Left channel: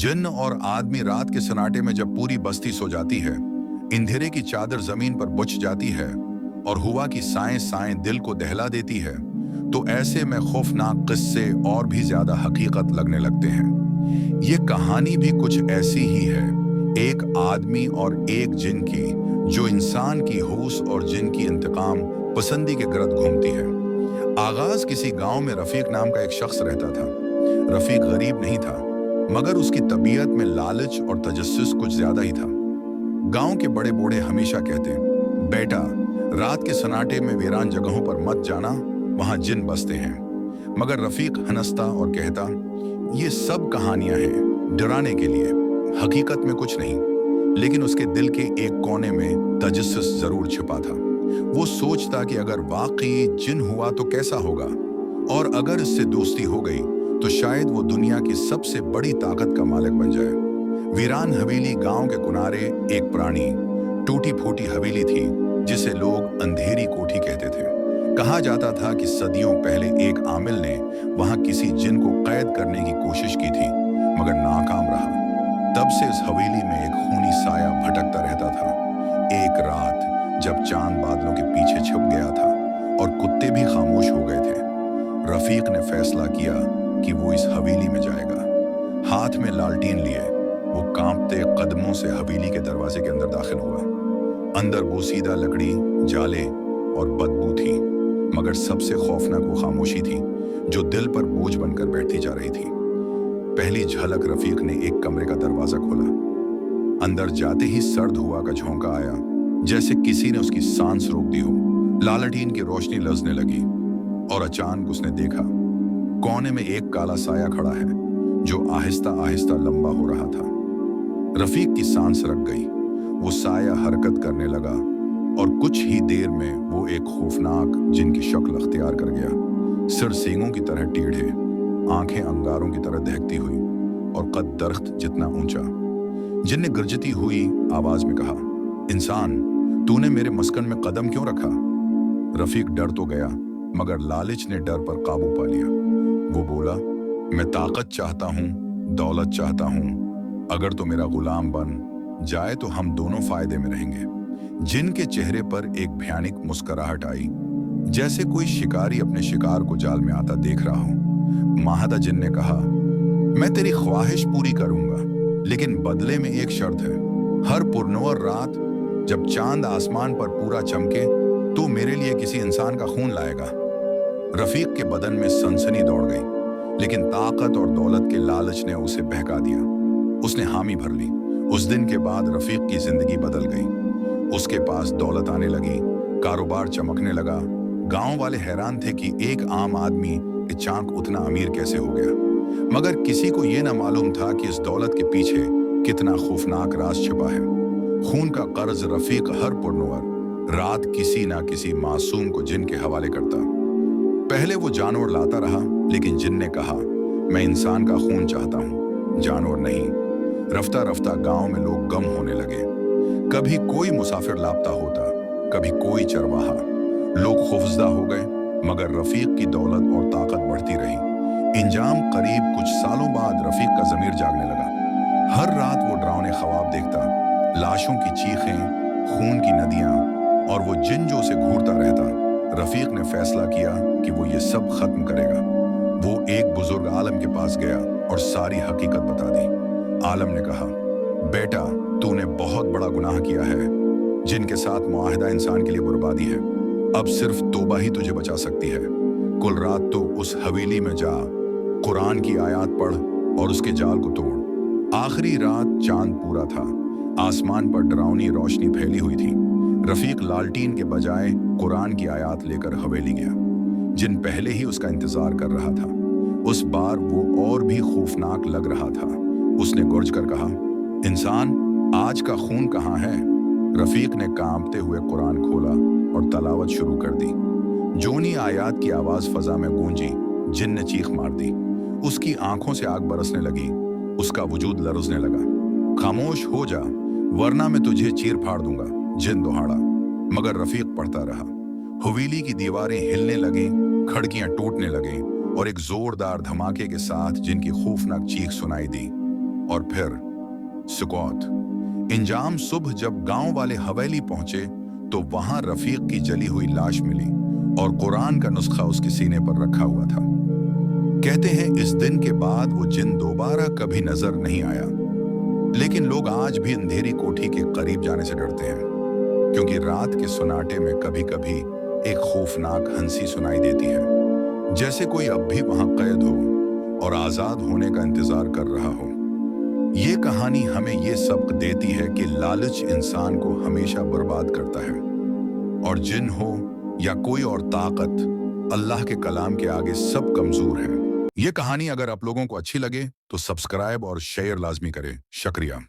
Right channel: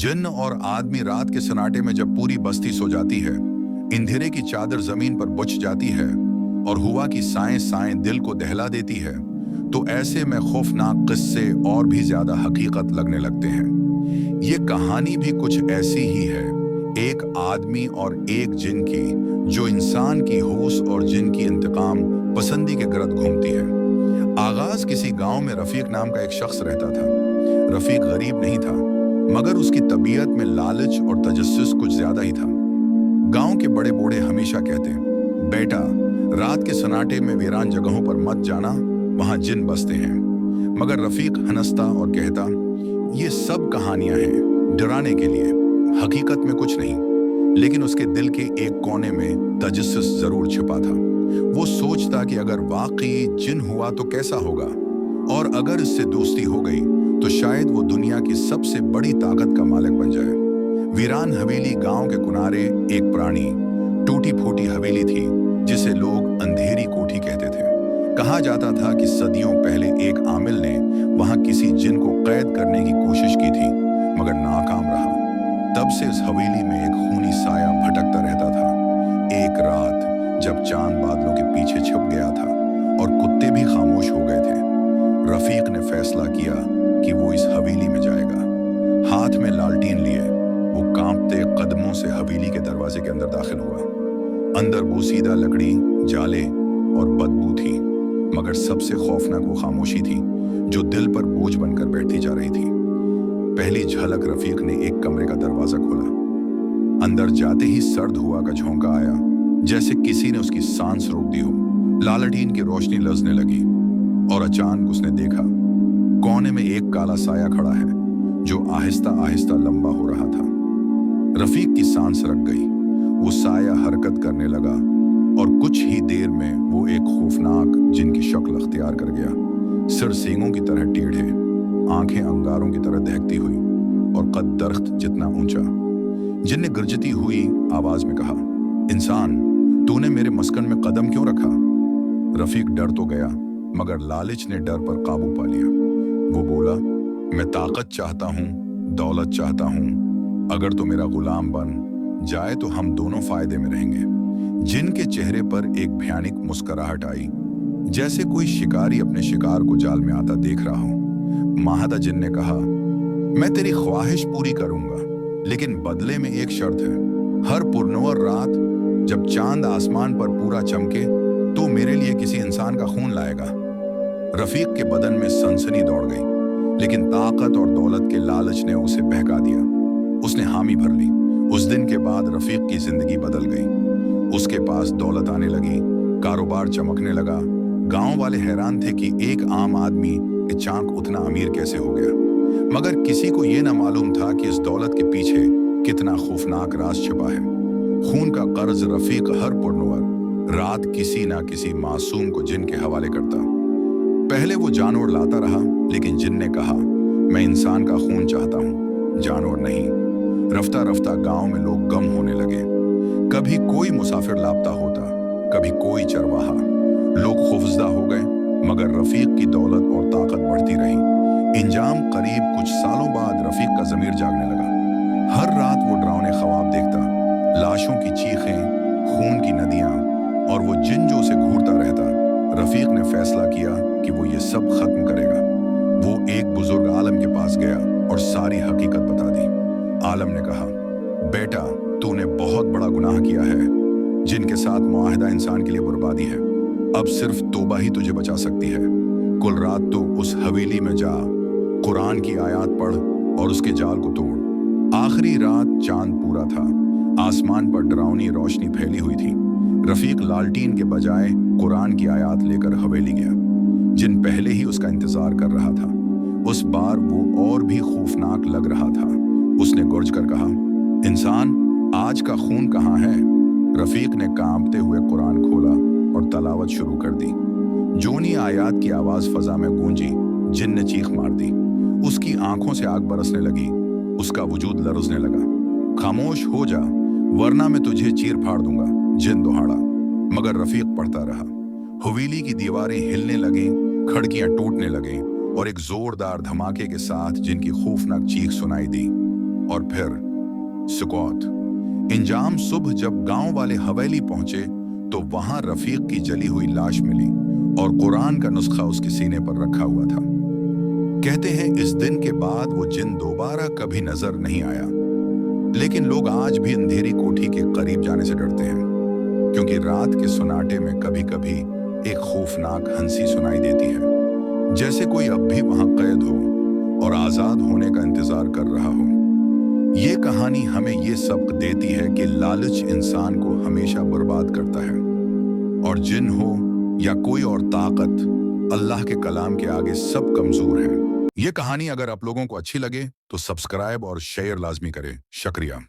जिन्न और आदमी रात के सन्नाटे में जब पूरी बस्ती सो जाती है, अंधेरे की चादर जमीन पर बिछ जाती है और हुआ की साएं साएं दिल को दहला देती है, तो ऐसे में खौफनाक किस्से और भी ज्यादा हकीकत लगने लगते हैं। ये कहानी भी कुछ ऐसी ही है, एक आदमी और एक जिन की, जो इंसान की होश और जिन की इंतकाम पसंदी के गिरद घूमती है। आगाज किसी गांव में रफीक नाम का एक शख्स रहता था। रफीक गरीब नहीं था, मगर उसकी तबीयत में लालच और तजस्सुस कुछ ज्यादा ही था। गांव के बड़े बूढ़े हमेशा कहते, बेटा, रात के सन्नाटे में वीरान जगहों पर मत जाना, वहां जिन बसते हैं। मगर रफीक हंसता और कहता, ये सब कहानियां हैं डराने के लिए, हकीकत में कुछ नहीं। लेकिन उसके दिल के एक कोने में तजस्सुस जरूर छिपा था। वो सोचता कि अगर वाकई जिन हुआ तो कैसा होगा, और अगर इससे दोस्ती हो गई तो शायद वो दुनिया की सबसे बड़ी ताकत का मालिक बन जाए। वीरान हवेली गांव के किनारे एक पुरानी टूटी फूटी हवेली थी, जिसे लोग अंधेरी कोठी कहते थे। कहा जाता था कि सदियों पहले एक आमिल ने वहां किसी जिन को कैद करने की कोशिश की थी, मगर नाकाम रहा। तब से इस हवेली में एक खूनी साया भटकता रहता था। एक रात जब चांद बादलों के पीछे छुप गया था और कुत्ते भी खामोश हो गए थे, रफीक ने फैसला किया कि वो इस हवेली में जाएगा। हाथ में लालटीन लिए वो कांपते कदमों से हवेली के दरवाजे के अंदर दाखिल हुआ। अंदर बोसीदा लकड़ी, जाले और बदबू थी, मगर सबसे खौफनाक वो खामोशी थी जो दिल पर बोझ बनकर बैठती जा रही थी। पहली झलक रफीक ने एक कमरे का दरवाजा खोला। अंदर जाते ही सर्द हवा का झोंका आया, जैसे किसी ने उसकी सांस रोक दी हो। लालटीन की रोशनी लजने लगी और अचानक उसने देखा, कोने में एक काला साया खड़ा है जो आहिस्ता आहिस्ता लंबा हो रहा था। रफीक की सांस रक गई। वो साया हरकत करने लगा और कुछ ही देर में वो एक खौफनाक जिन की शक्ल अख्तियार कर गया। सिर सींगों की तरह टेढ़े, आंखें अंगारों की तरह दहकती हुई और कद दरख्त जितना ऊंचा। जिन ने गर्जती हुई आवाज में कहा, इंसान, तूने मेरे मस्कन में कदम क्यों रखा? रफीक डर तो गया, मगर लालच ने डर पर काबू पा लिया। वो बोला, मैं ताकत चाहता हूं, दौलत चाहता हूं। अगर तो मेरा गुलाम बन जाए तो हम दोनों फायदे में रहेंगे। जिन के चेहरे पर एक भयानक मुस्कुराहट आई, जैसे कोई शिकारी अपने शिकार को जाल में आता देख रहा हो। माहदा जिन ने कहा, मैं तेरी ख्वाहिश पूरी करूंगा, लेकिन बदले में एक शर्त है। हर पुरनौर रात जब चांद आसमान पर पूरा चमके तो मेरे लिए किसी इंसान का खून लाएगा। रफीक के बदन में सनसनी दौड़ गई, लेकिन ताकत और दौलत के लालच ने उसे बहका दिया। उसने हामी भर ली। उस दिन के बाद रफीक की जिंदगी बदल गई। उसके पास दौलत आने लगी, कारोबार चमकने लगा। गांव वाले हैरान थे कि एक आम आदमी अचानक उतना अमीर कैसे हो गया। मगर किसी को यह ना मालूम था कि इस दौलत के पीछे कितना खौफनाक राज छिपा है। खून का कर्ज रफीक हर पुरनौर रात किसी ना किसी मासूम को जिन के हवाले करता। पहले वो जानवर लाता रहा, लेकिन जिन ने कहा, मैं इंसान का खून चाहता हूं, जानवर नहीं। रफ्ता रफ्ता गांव में लोग गम होने लगे। कभी कोई मुसाफिर लापता होता, कभी कोई चरवाहा। लोग खौफजदा हो गए, मगर रफीक की दौलत और ताकत बढ़ती रही। इंजाम करीब कुछ सालों बाद रफीक का जमीर जागने लगा। हर रात वो डरावने ख्वाब देखता, लाशों की चीखें, खून की नदियां, और वो जिन जो उसे घूरता रहता। रफीक ने फैसला किया कि वो ये सब खत्म करेगा। वो एक बुजुर्ग आलम के पास गया और सारी हकीकत बता दी। आलम ने कहा, बेटा, तूने बहुत बड़ा गुनाह किया है। जिनके साथ मुआहदा इंसान के लिए बर्बादी है। अब सिर्फ तौबा ही तुझे बचा सकती है। कुल रात तो उस हवेली में जा, कुरान की आयत पढ़ और उसके जाल को तोड़। आखिरी रात चांद पूरा था, आसमान पर डरावनी रोशनी फैली हुई थी। रफीक लालटीन के बजाय कुरान की आयत लेकर हवेली गया। जिन पहले ही उसका इंतजार कर रहा था। उस बार वो और भी खौफनाक लग रहा था। उसने गुर्ज कर कहा, इंसान, आज का खून कहाँ है? रफीक ने कांपते हुए कुरान खोला और तलावत शुरू कर दी। जोनी आयत की आवाज फजा में गूंजी। जिन ने चीख मार दी। उसकी आंखों से आग बरसने लगी, उसका वजूद लरजने लगा। खामोश हो जा, वरना मैं तुझे चीर फाड़ दूंगा, जिन दौड़ा। मगर रफीक पढ़ता रहा। हवेली की दीवारें हिलने लगीं, खिड़कियां टूटने लगीं और एक जोरदार धमाके के साथ जिनकी खौफनाक चीख सुनाई दी और फिर सुकौत। इंजाम सुबह जब गांव वाले हवेली पहुंचे तो वहां रफीक की जली हुई लाश मिली और कुरान का नुस्खा उसके सीने पर रखा हुआ था। कहते हैं इस दिन के बाद वो जिन दोबारा कभी नजर नहीं आया। लेकिन लोग आज भी अंधेरी कोठी के करीब जाने से डरते हैं, क्योंकि रात के सुनाटे में कभी कभी एक खौफनाक हंसी सुनाई देती है, जैसे कोई अब भी वहां कैद हो और आजाद होने का इंतजार कर रहा हो। ये कहानी हमें ये सबक देती है कि लालच इंसान को हमेशा बर्बाद करता है, और जिन हो या कोई और ताकत, अल्लाह के कलाम के आगे सब कमजोर हैं। ये कहानी अगर आप लोगों को अच्छी लगे तो सब्सक्राइब और शेयर लाजमी करें। शुक्रिया।